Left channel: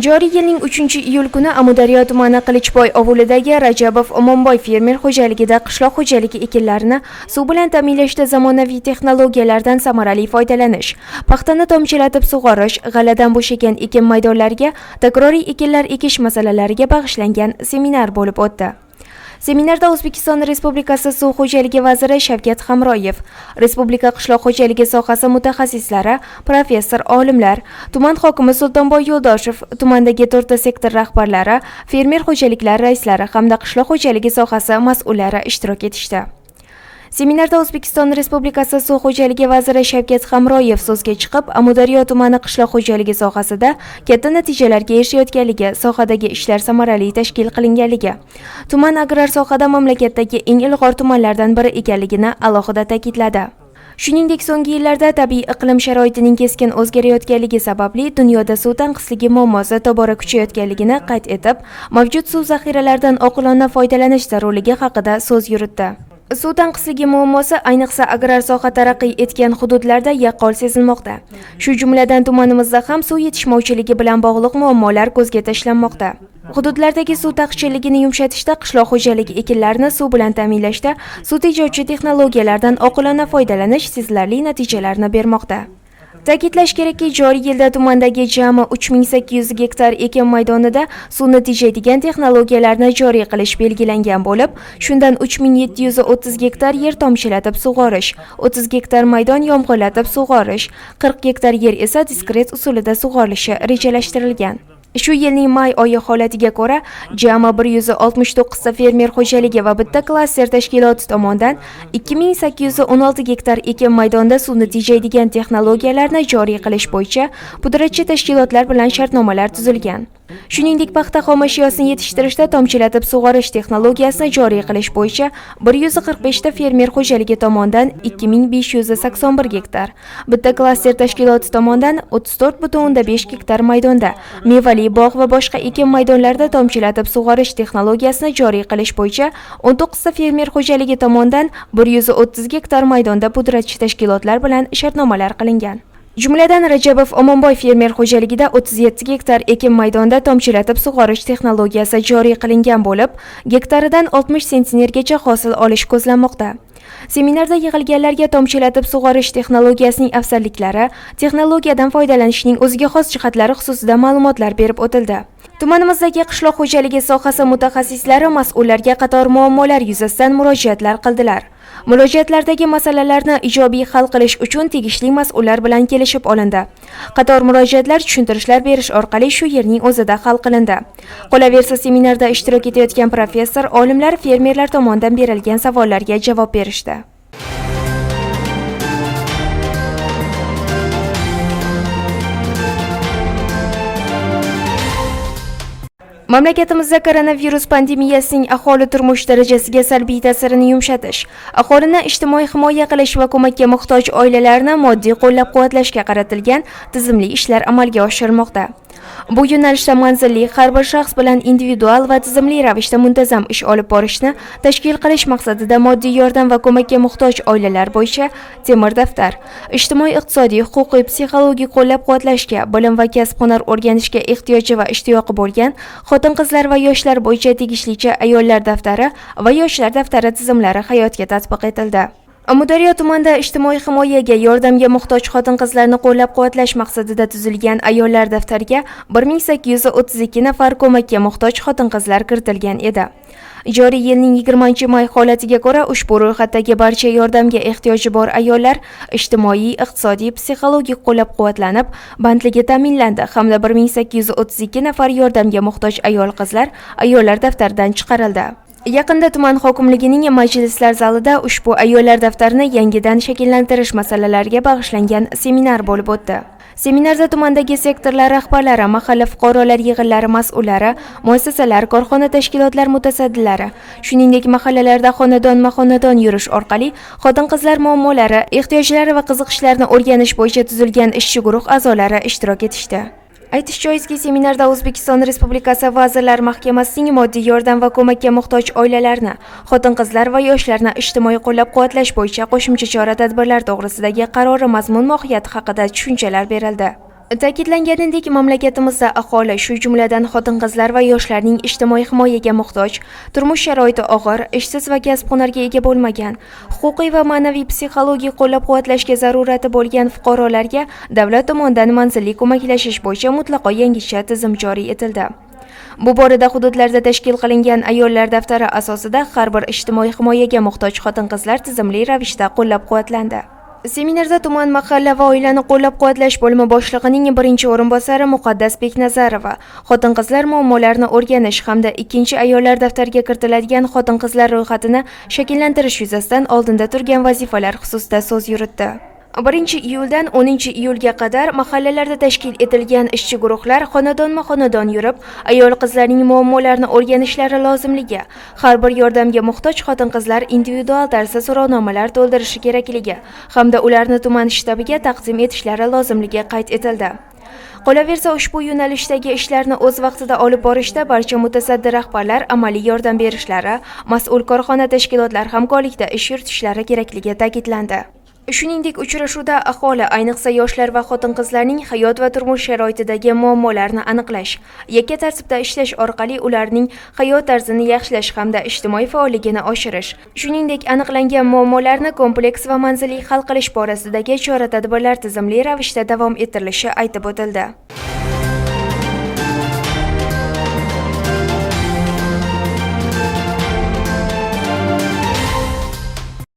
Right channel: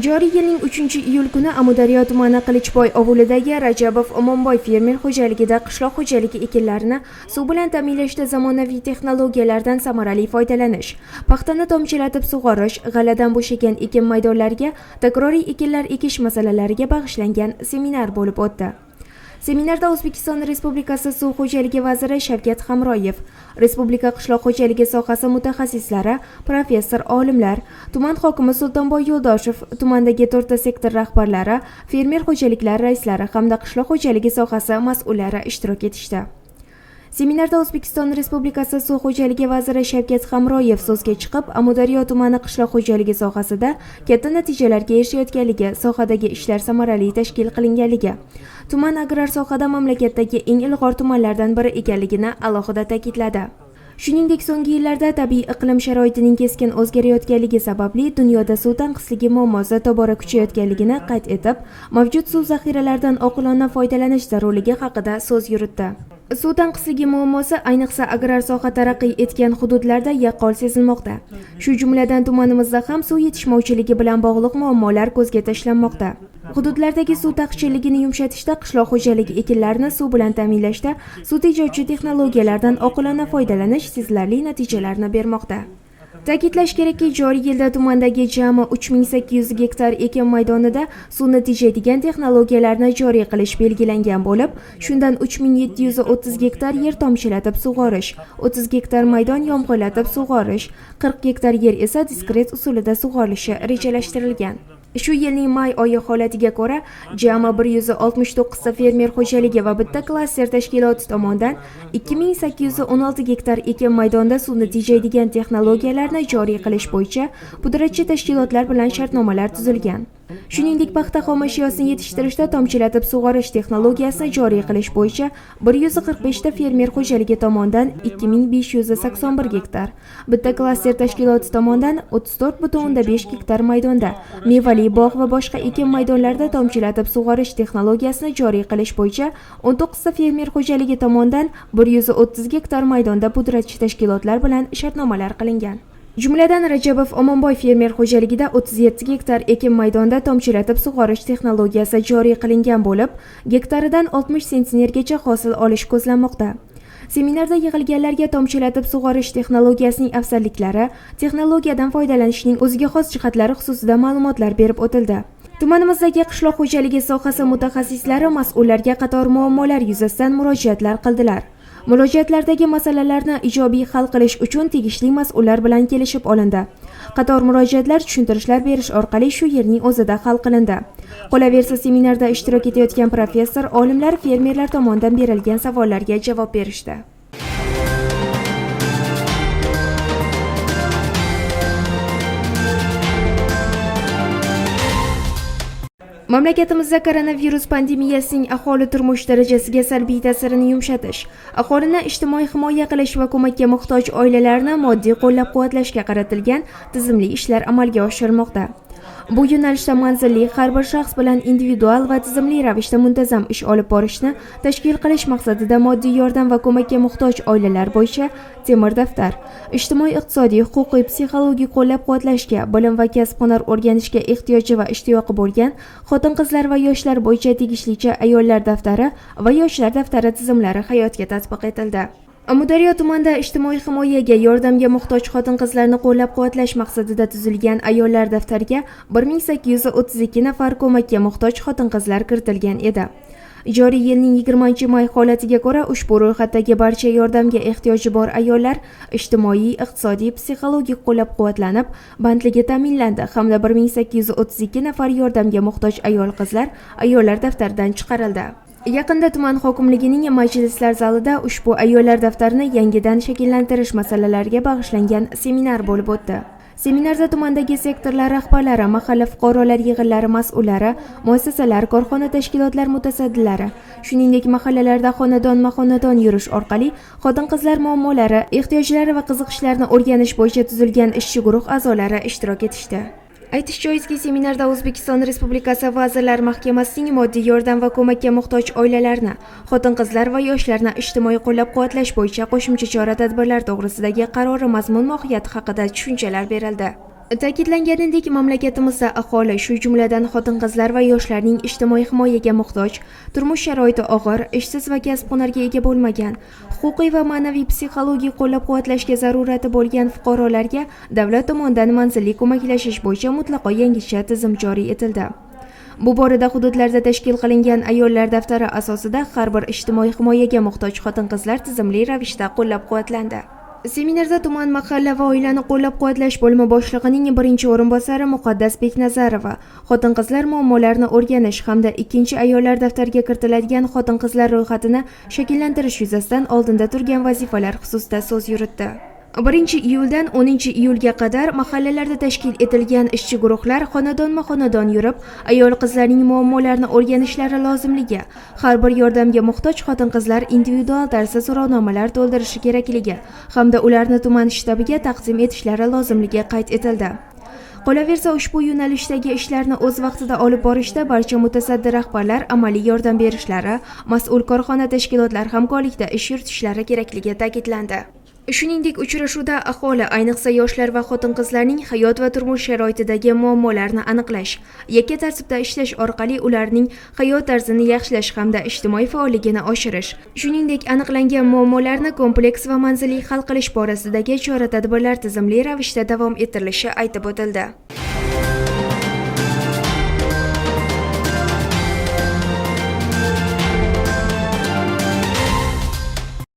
Joriy yilning 3-iyul kuni Amudaryo tumani Qilichboy ovulidagi Rajabov Omonboy fermer xo'jaligida qishloq xo'jaligi ekinlarini suv bilan ta'minlashda zamonaviy texnologiyalardan samarali foydalanish, paxtani tomchilatib sug'orish, g'aladan bo'shagan ekin maydonlariga takroriy ekinlar ekish masalalariga bag'ishlangan seminar bo'lib o'tdi. Seminarda O'zbekiston Respublikasi Suv xo'jaligi vaziri Shavkat Hamroyev, Respublika qishloq xo'jaligi sohasi mutaxassislari, professor, olimlar, tuman hokimi Sultonboy Yo'ldoshev, tumandagi to'rtta sektor rahbarlari, fermer xo'jaliklari raislari hamda qishloq xo'jaligi sohasi mas'ullari ishtirok etishdi. Seminarda O'zbekiston Respublikasi Suv xo'jaligi vaziri Shavkat Hamroyev so'zga chiqib, Amudaryo tumani qishloq xo'jaligi sohasida katta natijalarga erishayotganligi, sohadagi ishlar samarali tashkil qilinganligi, tuman agrar sohada mamlakatdagi eng ilg'or tumanlardan biri ekanligini alohida ta'kidladi. Shuningdek, so'nggi yillarda tabiiy iqlim sharoitining keskin o'zgarayotganligi sababli dunyoda suv tanqisligi muammosi tobora kuchayotganligini qayd etib, mavjud suv zaxiralaridan oqilona foydalanish zarurligi haqida so'z yuritdi. Suv tanqisligi muammosi ayniqsa agrar soha taraqqiy etgan hududlarda yaqqol sezilmoqda. Shu jumladan tumanimizda ham suv yetishmovchiligi bilan bog'liq muammolar ko'zga tashlanmoqda. Hududlardagi suv taqchilligini yumshatishda, qishloq xo'jaligi ekinlarini suv bilan ta'minlashda suv tejovchi texnologiyalardan oqilona foydalanish sezilarli natijalarni bermoqda. Ta'kidlash kerakki, joriy yilda tumandagi jami 3800 gektar ekin maydonida suvni tejaydigan texnologiyalarni joriy qilish belgilangan bo'lib, shundan 3730 gektar yer tomchilatib sug'orish, 30 gektar maydon yomg'irlatib sug'orish, 40 gektar yer esa diskret usulida sug'orilishi rejalashtirilgan. Shu yilning may oyi holatiga ko'ra, jami 169 ta fermer xo'jaligi va bitta klaster tashkiloti tomonidan 2816 gektar ekin maydonda suvni tejaydigan texnologiyalarni joriy qilish bo'yicha pudratchi tashkilotlar bilan shartnomalar tuzilgan. Shuningdek, paxta xomashyosini yetishtirishda tomchilatib sug'orish texnologiyasini joriy qilish bo'yicha 145 ta fermer xo'jaligi tomonidan 2581 gektar, bitta klaster tashkiloti tomonidan 34.5 gektar maydonda mevali bog' va boshqa ekin maydonlarida tomchilatib sug'orish texnologiyasini joriy qilish bo'yicha 19 ta fermer xo'jaligi tomonidan 130 gektar maydonda pudratchi tashkilotlar bilan shartnomalar qilingan. Jumladan Rajabov Omonboy fermer xo'jaligida 37 gektar ekin maydonda tomchilatib sug'orish texnologiyasi joriy qilingan bo'lib, gektaridan 60 sentnergacha hosil olish ko'zlanmoqda. Seminarda yig'ilganlarga tomchilatib sug'orish texnologiyasining afzalliklari, texnologiyadan foydalanishning o'ziga xos jihatlari xususida ma'lumotlar berib o'tildi. Tumanimizdagi qishloq xo'jaligi sohasi mutaxassislari mas'ullarga qator muammolar yuzasidan murojaatlar qildilar. Murojaatlardagi masalalarni ijobiy hal qilish uchun tegishli mas'ullar bilan kelishib olindi. Qator murojaatlar tushuntirishlar berish orqali shu yerning o'zida hal qilindi. Qolaversa, seminarda ishtirok etayotgan professor, olimlar fermerlar tomonidan berilgan savollarga javob berishdi. Mamlakatimizda koronavirus pandemiyasining aholi turmush darajasiga salbiy ta'sirini yumshatish, aholini ijtimoiy himoya qilish va ko'makka muhtoj oilalarni moddiy qo'llab-quvvatlashga qaratilgan tizimli ishlar amalga oshirilmoqda. Bu yo'nalishda manzilli har bir shaxs bilan individual va tizimli ravishda muntazam ish olib borishni tashkil qilish maqsadida moddiy yordam va ko'makka muhtoj oilalar bo'yicha temir daftar, ijtimoiy-iqtisodiy, huquqiy, psixologik qo'llab-quvvatlashga, bilim va kasb-hunar o'rganishga ehtiyoji va ishtiyoqi bo'lgan xotin-qizlar va yoshlar bo'yicha tegishlicha ayollar daftari va yoshlar daftari tizimlari hayotga tatbiq etildi. Э, Amudaryo tumanida ijtimoiy himoyaga yordamga muhtoj xotin-qizlarni qo'llab-quvvatlash maqsadida tuzilgan ayollar daftariga 1832 nafar ko'makka muhtoj xotin-qizlar kiritilgan edi. Joriy yilning 20-may holatiga ko'ra ushbu ro'yxatdagi barcha yordamga ehtiyoji bor ayollar ijtimoiy, iqtisodiy, psixologik qo'llab-quvvatlanib, bandligi ta'minlandi hamda 1832 nafar yordamga muhtoj ayol-qizlar ayollar daftaridan chiqarildi. Yaqinda tuman hokimligining majlislar zalida ushbu ayollar daftarini yangidan shakllantirish masalalariga bag'ishlangan seminar bo'lib o'tdi. Seminarda tumandagi sektorlar rahbarlari, mahalla fuqarolar yig'inlari mas'ullari, muassasalar, korxona tashkilotlar mutasaddilari, shuningdek mahallalarda xonadon-xonadon yurish orqali xotin-qizlar muammolari, ehtiyojlari va qiziqishlarini o'rganish bo'yicha tuzilgan ishchi guruh a'zolari ishtirok etishdi. Aytish joizki, seminarda O'zbekiston Respublikasi Vazirlar Mahkamasining moddiy yordam va ko'makka muhtoj oilalarni, xotin-qizlar va yoshlarni ijtimoiy qo'llab-quvvatlash bo'yicha qo'shimcha chora-tadbirlar to'g'risidagi qarori mazmun-mohiyati haqida tushunchalar berildi. Ta'kidlanganidek, mamlakatimizda aholi, shu jumladan xotin-qizlar va yoshlarning ijtimoiy himoyaga muhtoj, turmush sharoiti og'ir, ishsiz va kasb-hunarga ega bo'lmagan, huquqiy va ma'naviy psixologik qo'llab-quvvatlashga zarurati bo'lgan fuqarolarga davlat tomonidan manzilli ko'maklashish bo'yicha mutlaqo yangicha tizim joriy etildi. Bu borada hududlarda tashkil qilingan ayollar daftari asosida har bir ijtimoiy himoyaga muhtoj xotin-qizlar tizimli ravishda qo'llab-quvvatlandi. Seminarda tuman mahalla va oilani qo'llab-quvvatlash bo'limi boshlig'ining birinchi o'rinbosari Muqaddas Beknazarova xotin-qizlar muammolarini o'rganish hamda ikkinchi ayollar daftariga kiritiladigan xotin-qizlar ro'yxatini shakllantirish yuzasidan oldinda turgan vazifalar xususida so'z yuritdi. 1 iyuldan 10 iyulga qadar mahallalarda tashkil etilgan ishchi guruhlar xonadonma-xonadon yurib, ayol-qizlarning muammolarini o'rganishlari lozimligi, har bir yordamga muhtoj xotin-qizlar individual tarzda so'rovnomalar to'ldirishi kerakligi hamda ularni tuman shtabiga taqdim etishlari lozimligi qayd etildi. Qolaversa, ushbu yo'nalishdagi ishlarni o'z vaqtida olib borishda barcha mutasaddi rahbarlar amaliy yordam berishlari, mas'ul korxona tashkilotlar hamkorlikda ish yuritishlari kerakligi ta'kidlandi. Shuningdek, uchrashuvda aholi, ayniqsa yoshlar va xotin-qizlarning hayot va turmush sharoitidagi muammolarni aniqlash, yakka tartibda ishlash orqali ularning hayot tarzini yaxshilash hamda ijtimoiy faolligini oshirish, shuningdek, aniqlangan muammolarni kompleks va manzilli hal qilish borasidagi chora-tadbirlar tizimli ravishda davom ettirilishi aytib o'tildi.